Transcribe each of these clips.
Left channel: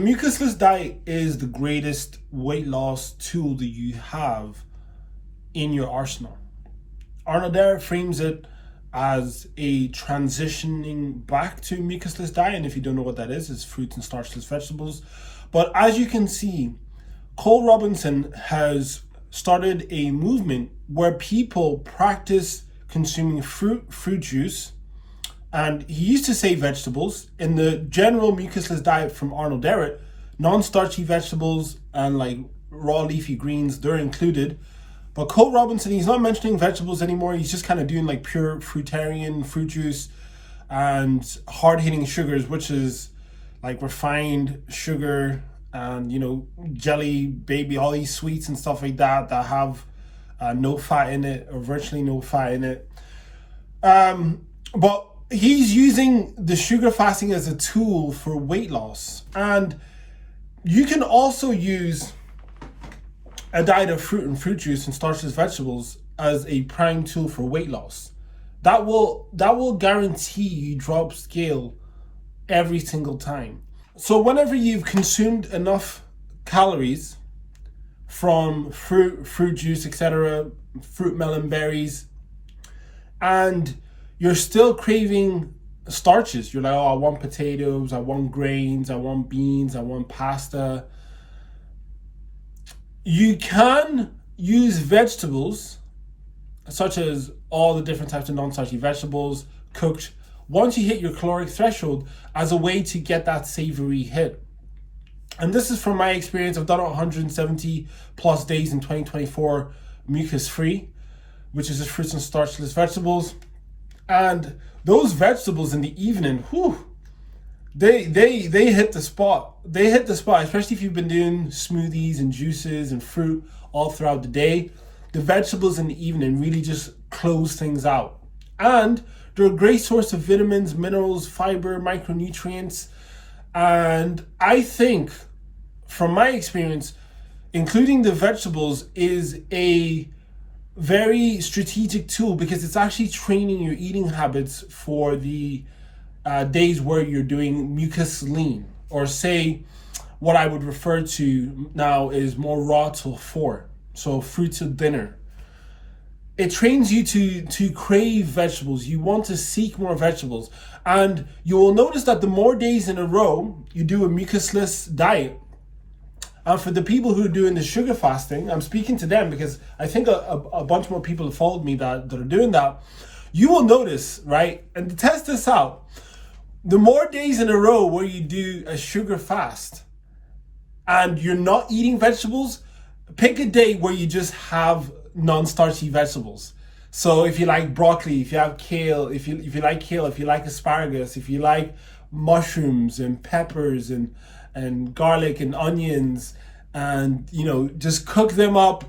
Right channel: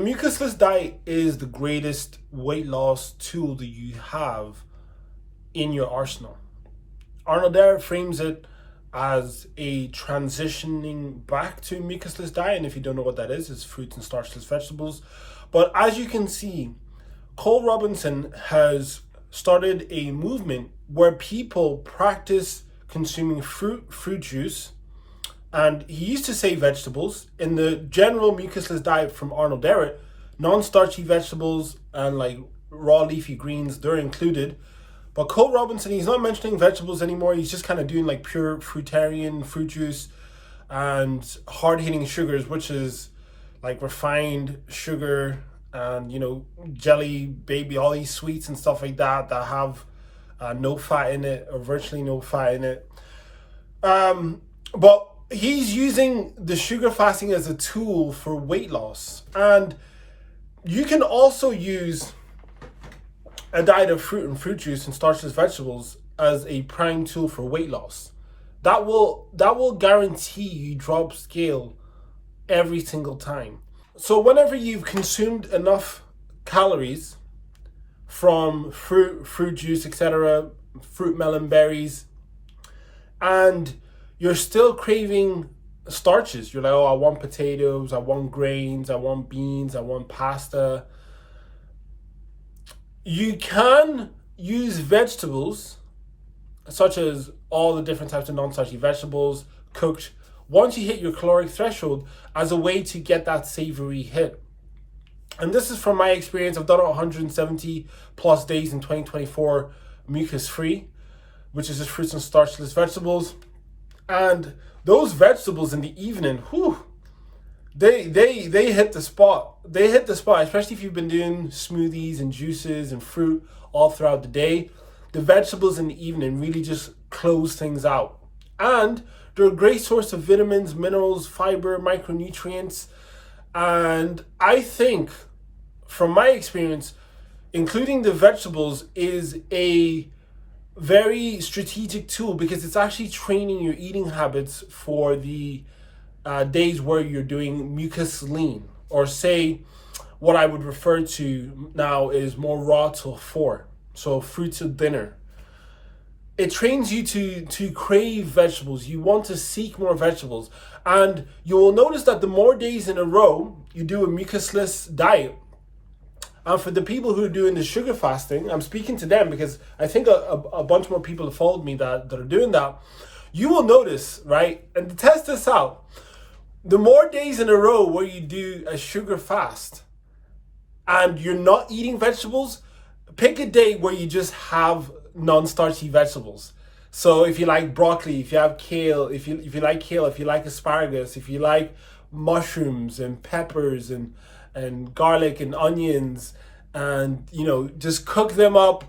Mucusless diet is the greatest weight loss tool that you have in your arsenal. Arnold Derrick frames it as a transitioning back to mucusless diet, and if you don't know what that is, it's fruits and starchless vegetables. But as you can see, Cole Robinson has started a movement where people practice consuming fruit juice, and he used to say vegetables. In the general mucusless diet from Arnold Derrick, non-starchy vegetables and like raw leafy greens, they're included. But Cole Robinson, he's not mentioning vegetables anymore. He's just kind of doing like pure fruitarian fruit juice and hard-hitting sugars, which is like refined sugar and, jelly, baby, all these sweets and stuff like that have no fat in it or virtually no fat in it. But he's using the sugar fasting as a tool for weight loss. And you can also use a diet of fruit and fruit juice and starchless vegetables as a prime tool for weight loss. That will guarantee you drop scale every single time. So whenever you've consumed enough calories from fruit juice, etc., fruit, melon, berries, and you're still craving starches, you're like, oh, I want potatoes, I want grains, I want beans, I want pasta. You can use vegetables, such as all the different types of non-starchy vegetables, cooked, once you hit your caloric threshold, as a way to get that savory hit. And this is from my experience. I've done it 170 plus days in 2024 mucus free, which is just fruits and starchless vegetables. And those vegetables in the evening, they hit the spot. They hit the spot, especially if you've been doing smoothies and juices and fruit all throughout the day. The vegetables in the evening really just close things out. And they're a great source of vitamins, minerals, fiber, micronutrients. And I think, from my experience, including the vegetables is a very strategic tool because it's actually training your eating habits for the days where you're doing mucus lean, or say what I would refer to now is more raw till 4, so fruit till dinner. It trains you to crave vegetables. You want to seek more vegetables, and you will notice that the more days in a row you do a mucusless diet, and for the people who are doing the sugar fasting, I'm speaking to them because I think a bunch more people have followed me that are doing that. You will notice, right? And to test this out, the more days in a row where you do a sugar fast and you're not eating vegetables, pick a day where you just have non-starchy vegetables. So if you like broccoli, if you have kale, if you like kale, if you like asparagus, if you like mushrooms and peppers and garlic and onions, and just cook them up.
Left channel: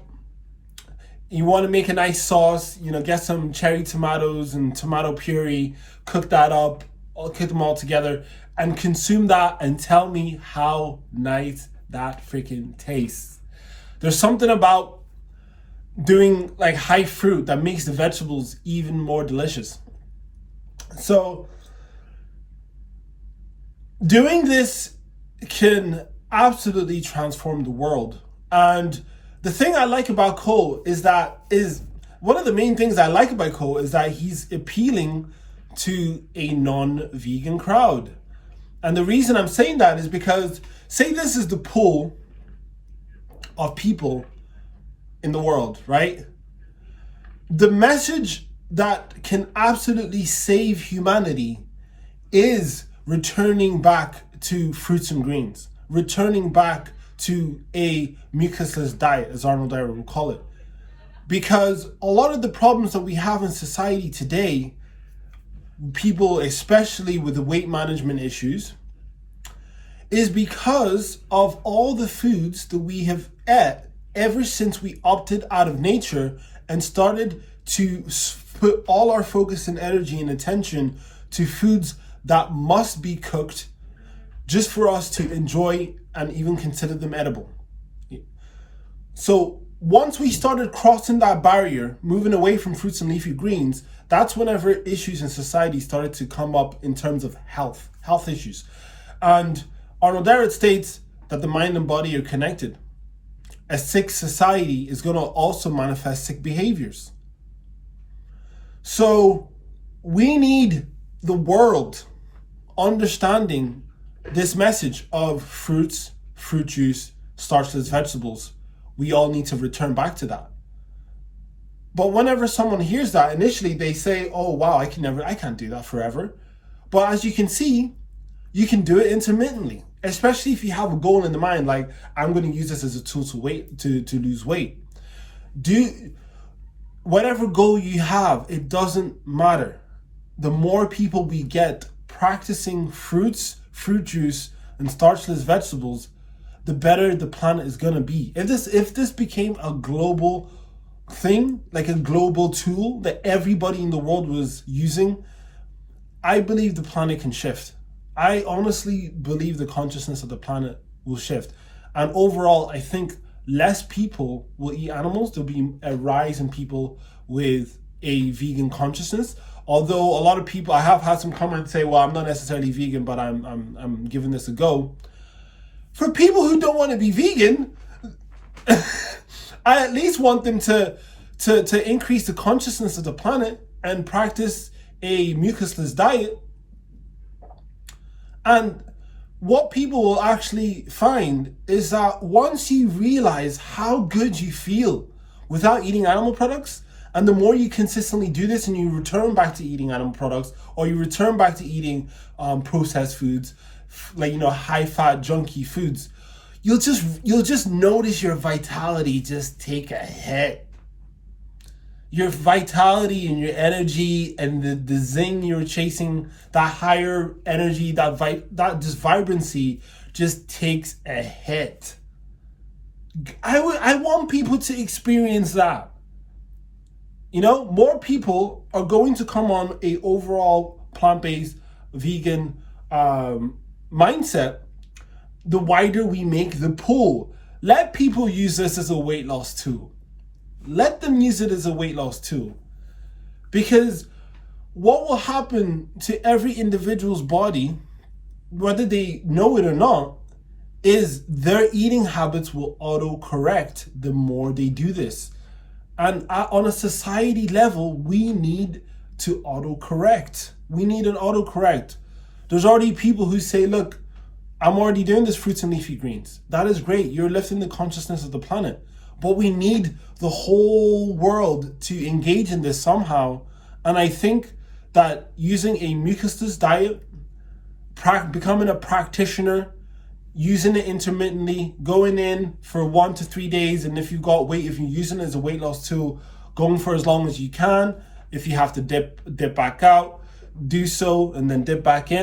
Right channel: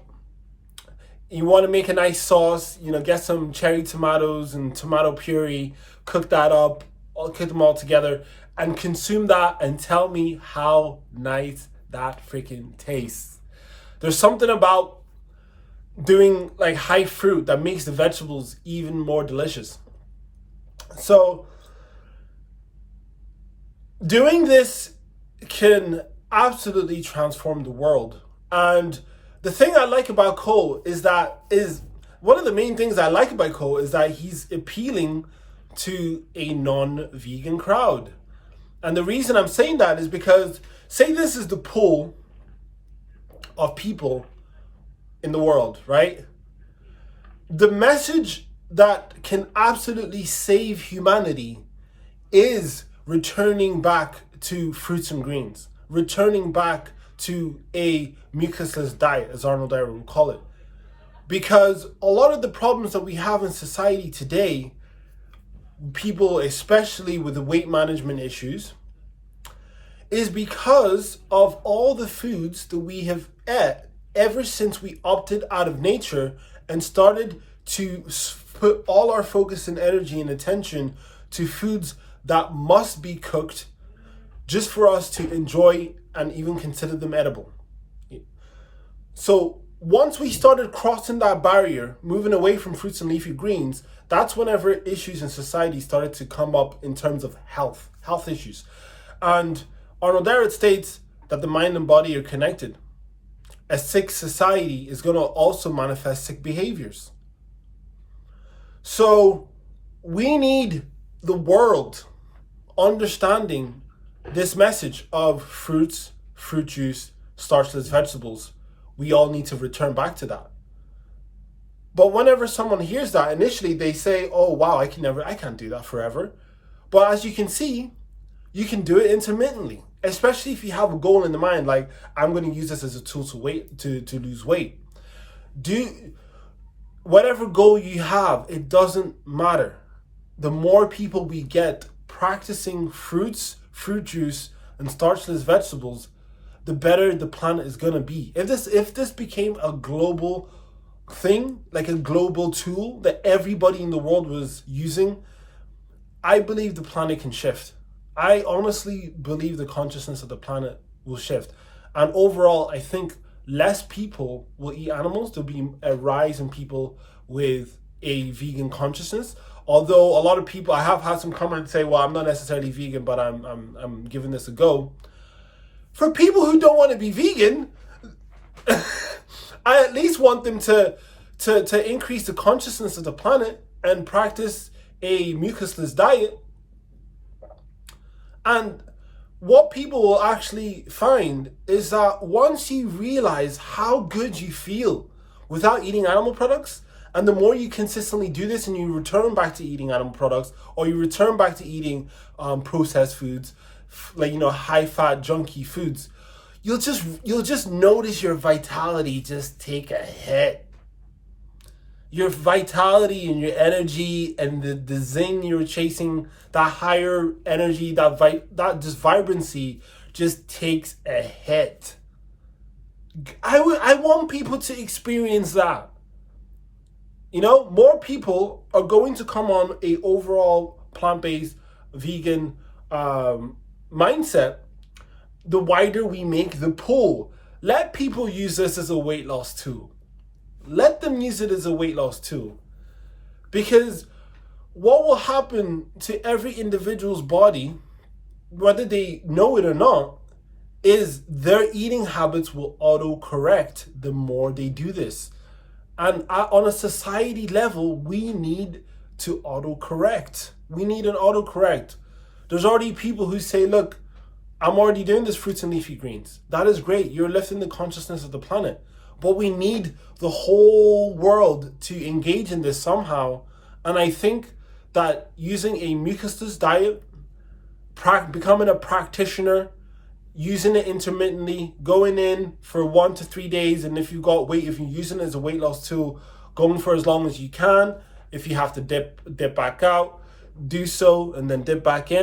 You want to make a nice sauce, get some cherry tomatoes and tomato puree, cook that up, cook them all together and consume that, and tell me how nice that freaking tastes. There's something about doing like high fruit that makes the vegetables even more delicious. So doing this can absolutely transform the world. And the thing I like about Cole is one of the main things I like about Cole is that he's appealing to a non-vegan crowd. And the reason I'm saying that is because, say this is the pool of people in the world, right? The message that can absolutely save humanity is returning back to fruits and greens, returning back to a mucusless diet, as Arnold Derrick would call it. Because a lot of the problems that we have in society today, people especially with the weight management issues, is because of all the foods that we have ate ever since we opted out of nature and started to put all our focus and energy and attention to foods that must be cooked just for us to enjoy and even consider them edible. So once we started crossing that barrier, moving away from fruits and leafy greens, that's whenever issues in society started to come up in terms of health issues. And Arnold Ehret states that the mind and body are connected. A sick society is going to also manifest sick behaviors. So we need the world understanding this message of fruits, fruit juice, starchless vegetables. We all need to return back to that. But whenever someone hears that, initially they say, oh wow, I can't do that forever. But as you can see, you can do it intermittently, especially if you have a goal in the mind, like I'm going to use this as a tool to lose weight. Do whatever goal you have, it doesn't matter. The more people we get practicing fruits, fruit juice, and starchless vegetables, the better the planet is going to be. If this became a global thing, like a global tool that everybody in the world was using, I believe the planet can shift. I honestly believe the consciousness of the planet will shift. And overall, I think less people will eat animals. There'll be a rise in people with a vegan consciousness. Although a lot of people, I have had some comments say, well, I'm not necessarily vegan, but I'm giving this a go. For people who don't want to be vegan, I at least want them to increase the consciousness of the planet and practice a mucusless diet. And what people will actually find is that once you realize how good you feel without eating animal products, and the more you consistently do this and you return back to eating animal products, or you return back to eating processed foods, like, high-fat, junky foods, you'll just notice your vitality just take a hit. Your vitality and your energy and the zing you're chasing, that higher energy, that just vibrancy just takes a hit. I want people to experience that. More people are going to come on a overall plant-based vegan mindset the wider we make the pool. Let people use this as a weight loss tool. Let them use it as a weight loss tool. Because what will happen to every individual's body, whether they know it or not, is their eating habits will auto-correct the more they do this. And on a society level, we need to autocorrect. We need an autocorrect. There's already people who say, look, I'm already doing this fruits and leafy greens. That is great. You're lifting the consciousness of the planet. But we need the whole world to engage in this somehow. And I think that using a mucusless diet, becoming a practitioner, using it intermittently, going in for 1 to 3 days, and if you've got weight, if you're using it as a weight loss tool, going for as long as you can. If you have to dip back out, do so, and then dip back in.